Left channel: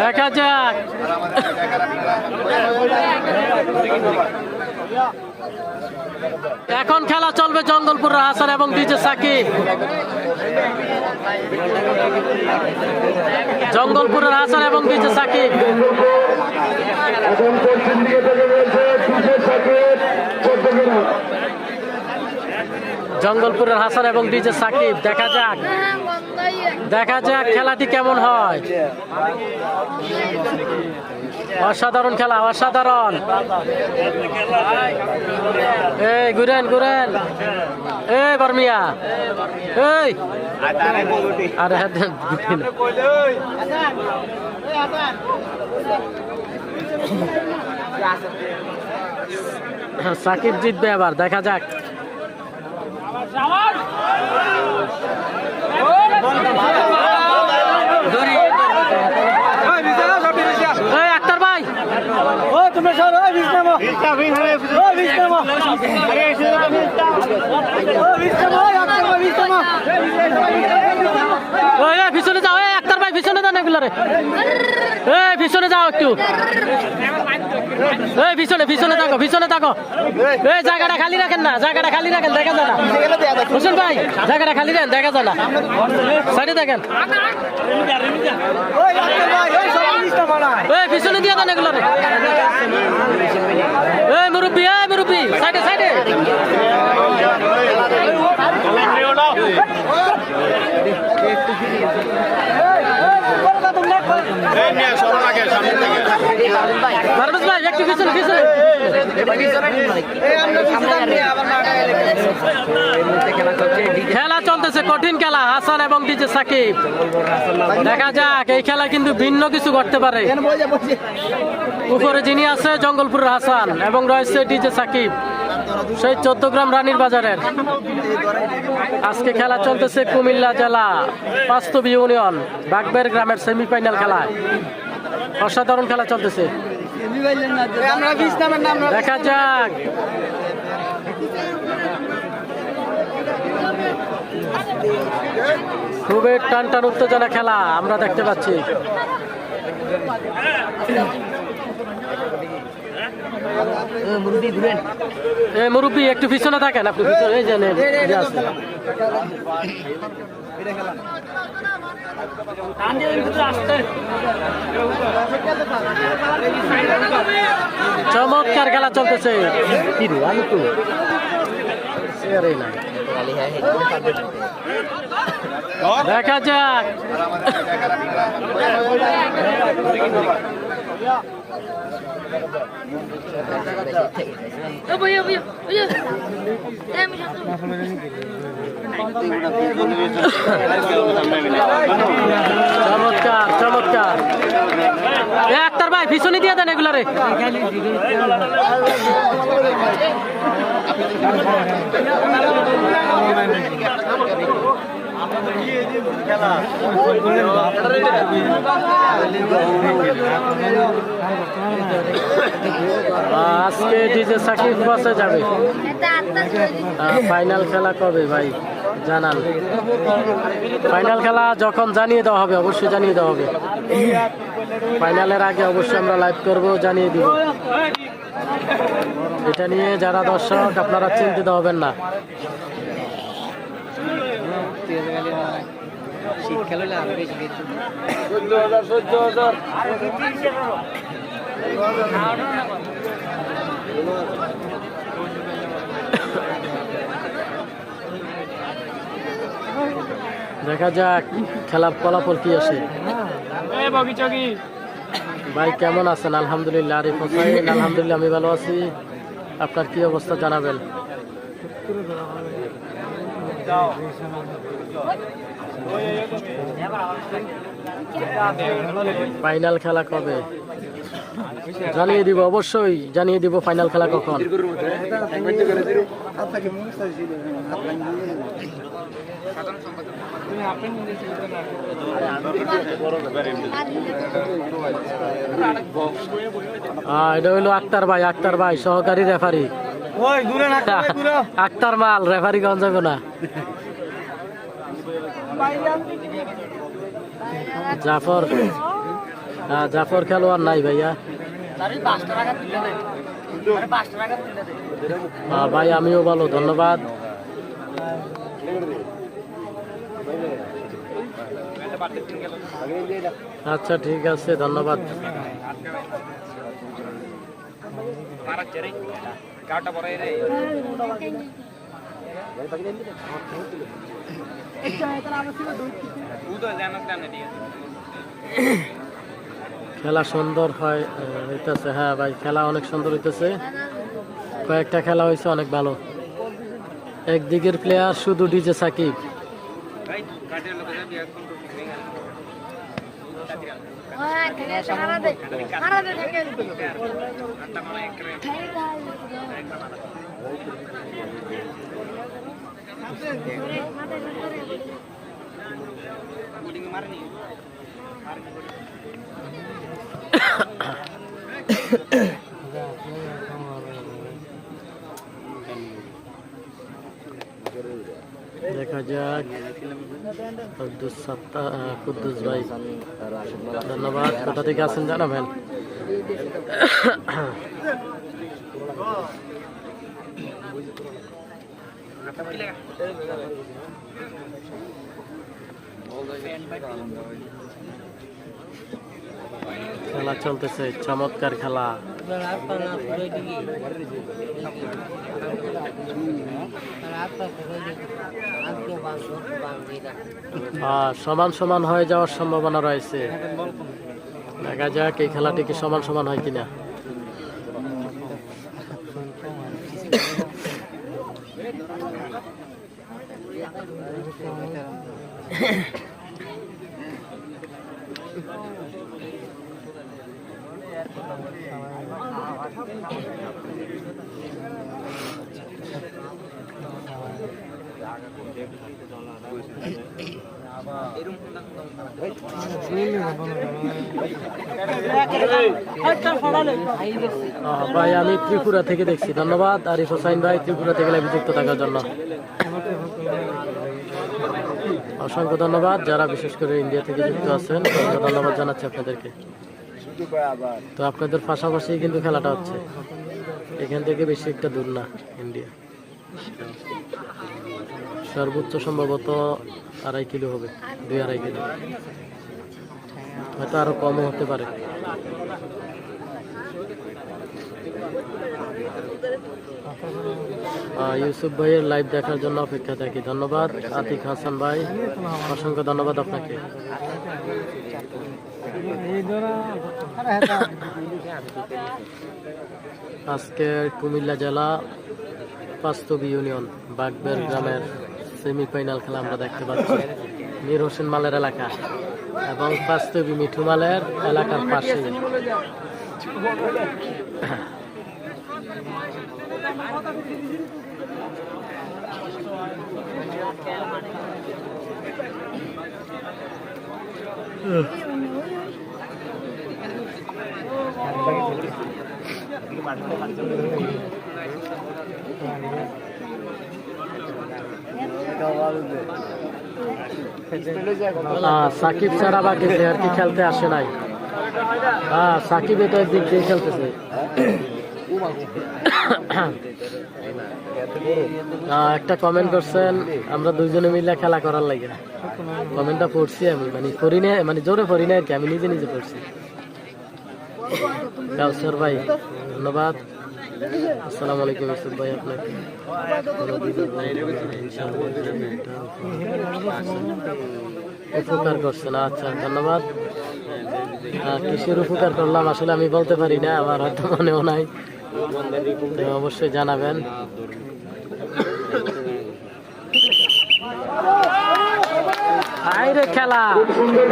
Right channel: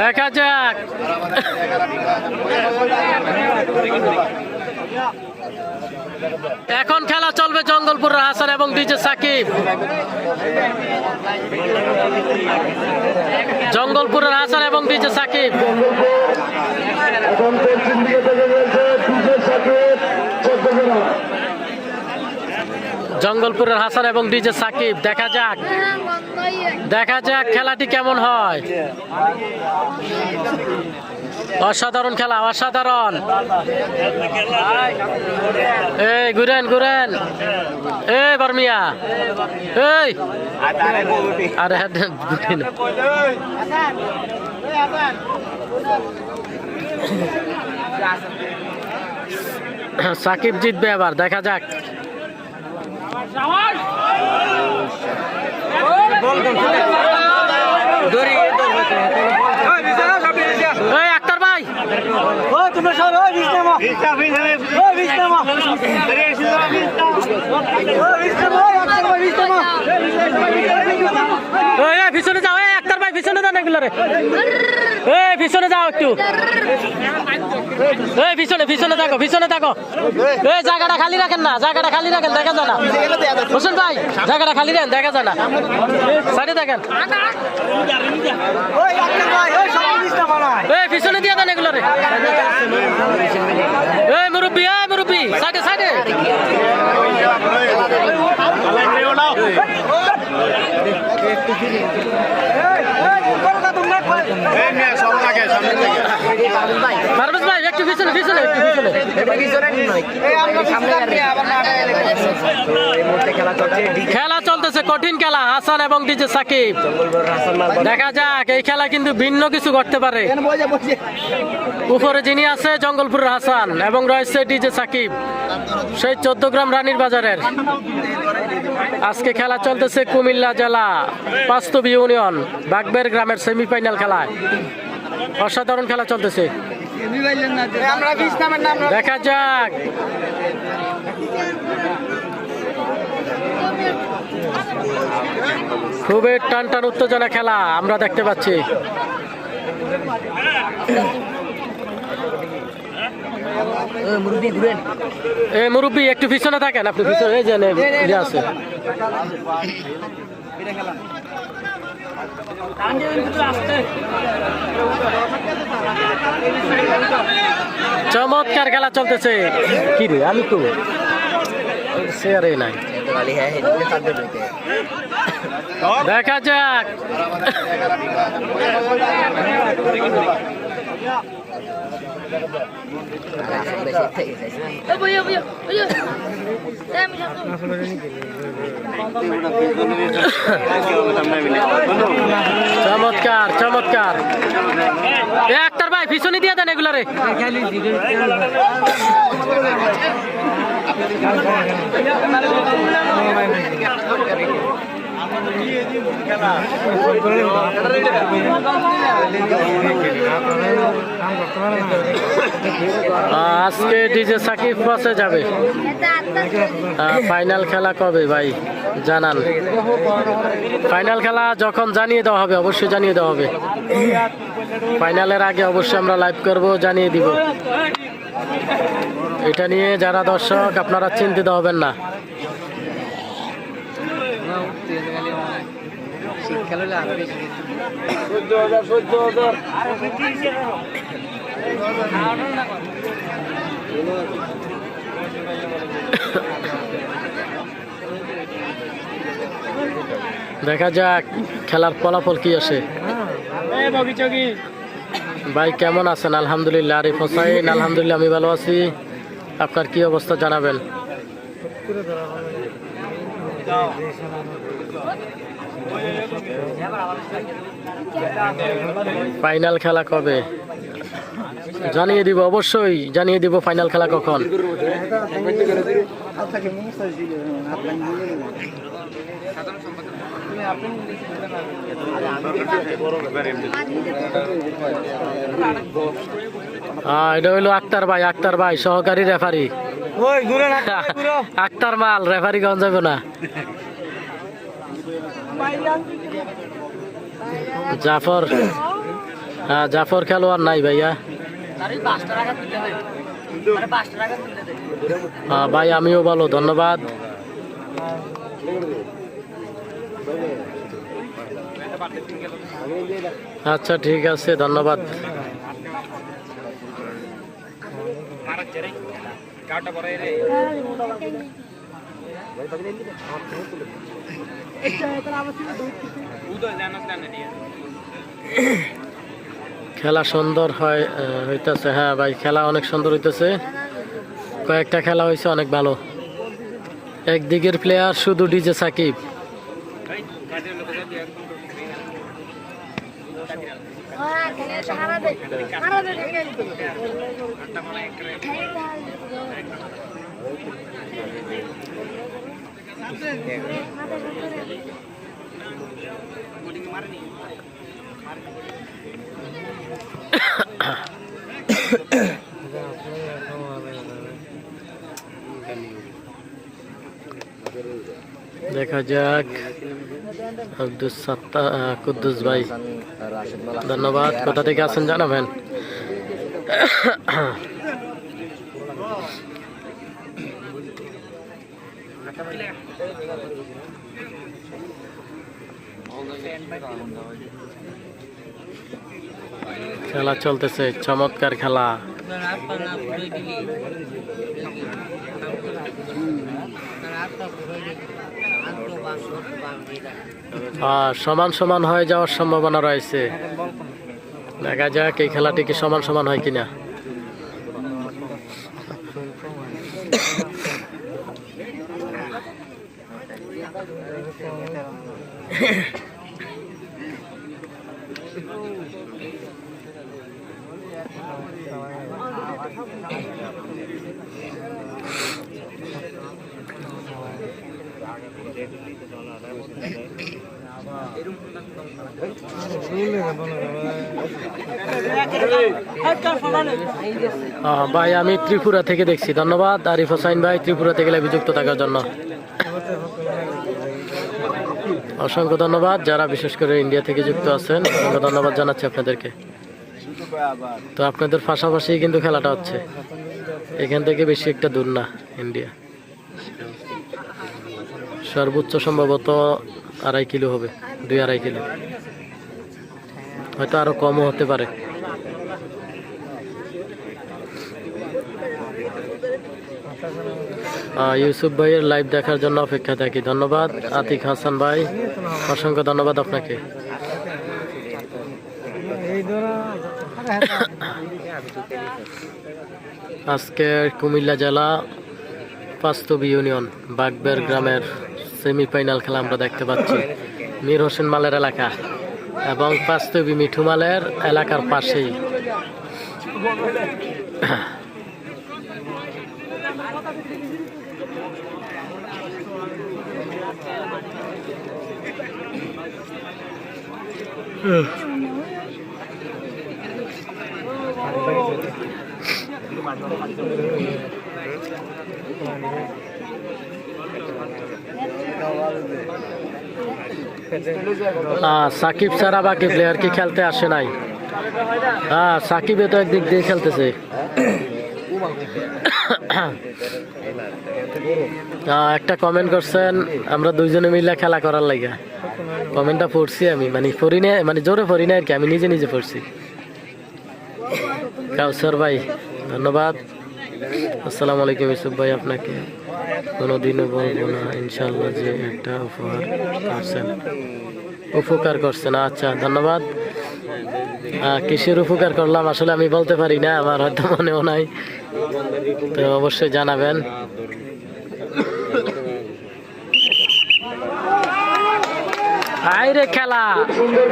দেখা যাক এখন খেলা চলবে জঙ্গলপুর হাসান এবং ডিজে সাকিব। জঙ্গলপুরের হাসান এবং ডিজে সাকিব। জঙ্গলপুরের হাসান এবং ডিজে সাকিব। দেখা যাক খেলাটি কেমন হয়। অসাধারণ খেলা, অসাধারণ। এই ঘুরেন এই বর্মিয়া এই আরে সাকিব জিতবে আবার। দেখা যাক আক্তার ভাই তোমরা সব পিছনে যাও। আক্তার ভাই পিছনে যান এগুলো রে। পিছনে যাও একটু। পিছনে থাকো। এই জায়গাটা খালি রাখেন না, দেখা যায় না। হোসেন ভাই জায়গাটা খালি রাখেন, দেখা যায় না। সাইডে দেখেন। পিছনে দিয়ে দেন এগুলো রে। মুরব্বী সাইডে খেলা চলতেছে, কঠিন খেলা হাসান এবং ডিজে সাকিব। দেখা যাক এই খেলা কিন্তু ভিন্ন কিছু করতে পারে। উপরে যিনি আছে জঙ্গলপুরের হাসান এবং রয়েছে ডিজে সাকিব, সেই 14 গ্রাম রানীর বাজারের। আজকে খেলা চলতেছে কুমিল্লা জেলা বাস্তব ইউনিয়ন বাগবের গ্রামের সেমিফাইনাল খেলা। অসাধারণ খেলা চলতেছে। দেখা যাক খুবই টান উত্তেজনা খেলা আমরা দেখতে পাচ্ছি। মুরব্বী একটু পিছনে থাকেন আপনি। পিছনে আছে চমৎকার খেলা চলতেছে। কি রে আমি তো নাই। দেখা যাক চমৎকার। আক্তার ভাই পিছনে দিয়ে দেন এগুলো রে। আজকে ডিজে সাকিব বসে যাবে। ফাইনাল খেলা কবে ভাই জানান। ফাইনাল খেলা যখন জানিয়ে দেওয়া হবে, অবশ্যই জানিয়ে দেওয়া হবে। ফাইনালের আগে অবশ্যই আমরা লাইভ করব, জানিয়ে দিব। এটা নিয়ে যারা দর্শক আপনারা চিন্তিত হবেন না। দেখা যাক খেলার ফলাফল কি আসে। ভাই কেমন আছেন? আলহামদুলিল্লাহ। আরিফ হোসাইন আলহামদুলিল্লাহ আমি ভালো আছি। আপনার কি অবস্থা জানাবেন। ফাইনাল খেলা কবে জানিয়ে দিব, অবশ্যই জানিয়ে দিব ফাইনাল খেলা কখন। এটা হইলো আক্তার ভাই সহকারী রেফারি। আক্তার মাল রেফারি গঞ্জ যাবে না। জাফর, হ্যাঁ জাফর খেলোয়াড় নাই ভাইয়া। হ্যাঁ ভাই আমিও ভালো, ধন্যবাদ। আচ্ছা ঠিক আছে, ধন্যবাদ। খেলা সুন্দর হইতেছে, হ্যাঁ ভাই খেলা অনেক সুন্দর হইতেছে। কয়েকটা খেলা হয়েছে অনেক ভালো। একদিকের প্লেয়ার শুধু ডিজে সাকিব। দেখা যাক। আব্দুস সাত্তার কুদ্দুস ভাই ধন্যবাদ, কোথা থেকে আছেন জানাবেন। খেলা চলতেছে, চমৎকার খেলা। সমান সমান হয়ে যাওয়ার সম্ভাবনা রয়েছে। দেখা যাক এই খেলাটি কি সমান সমান হয় কিনা। ভাই আমি ত্রিপুরা থেকে দেখছি, ধন্যবাদ আরিফ হোসাইন ভাই ত্রিপুরা থেকে যুক্ত থাকার জন্য অসংখ্য ধন্যবাদ। যারা বিশেষ করে ইন্ডিয়া থেকে যুক্ত আছেন অসংখ্য ধন্যবাদ জানাচ্ছি আপনাদেরকে। তো আপনাদের পাশাপাশি কিন্তু খেলাটা হচ্ছে, এখান থেকে বেশি একটা দূর না ইন্ডিয়া। সর্বোচ্চ সম্ভবত 2.5 কিলো হবে, 2-2.5 কিলো, হয়তো আরো কমও হতে পারে। ইউসুফ ভাইয়ের লাইভ দেখার জন্য অপেক্ষা থাকি, ধন্যবাদ। আতিক হাসান ভাই অসংখ্য ধন্যবাদ আপনাকে। আজকে কুমিল্লা জেলা পাঁচতবি ইউনিয়ন বাগবের গ্রামের সেমিফাইনাল খেলা আমরা দেখতে পাচ্ছি। মীর হোসেন মালের এলাকা এবং পাঁচতবি মিঠু মালের এলাকার পাশেই। সাকিব ছাড়া বাকি প্লেয়ার কি খেলতে আসে নাই? সাকিব তো একদিক দিয়ে খেলতেছে। একটা কমেন্ট করছেন আমরা দুইজনে মিলে খেলা করার লাগে, কমেন্টটা পড়ছি আমি, মানে পড়ি না, মানে জোরে পড়ি না আর কি, আমি নিজে নিজে পড়ছি। কাউসার ভাই ধন্যবাদ। আসসালামু আলাইকুম ইউসুফ ভাই, আপনাকে কোনোদিনও বলবো না ইনশাআল্লাহ যে একটা উপকার করছেন। আচ্ছা ধন্যবাদ। কিসের উপকার করলাম আসলে আমি বলতে পারি না, আমার হয়তো মনেও নাই, তো অবশ্যই জানাবেন। আইরে খেলা খুব সুন্দর।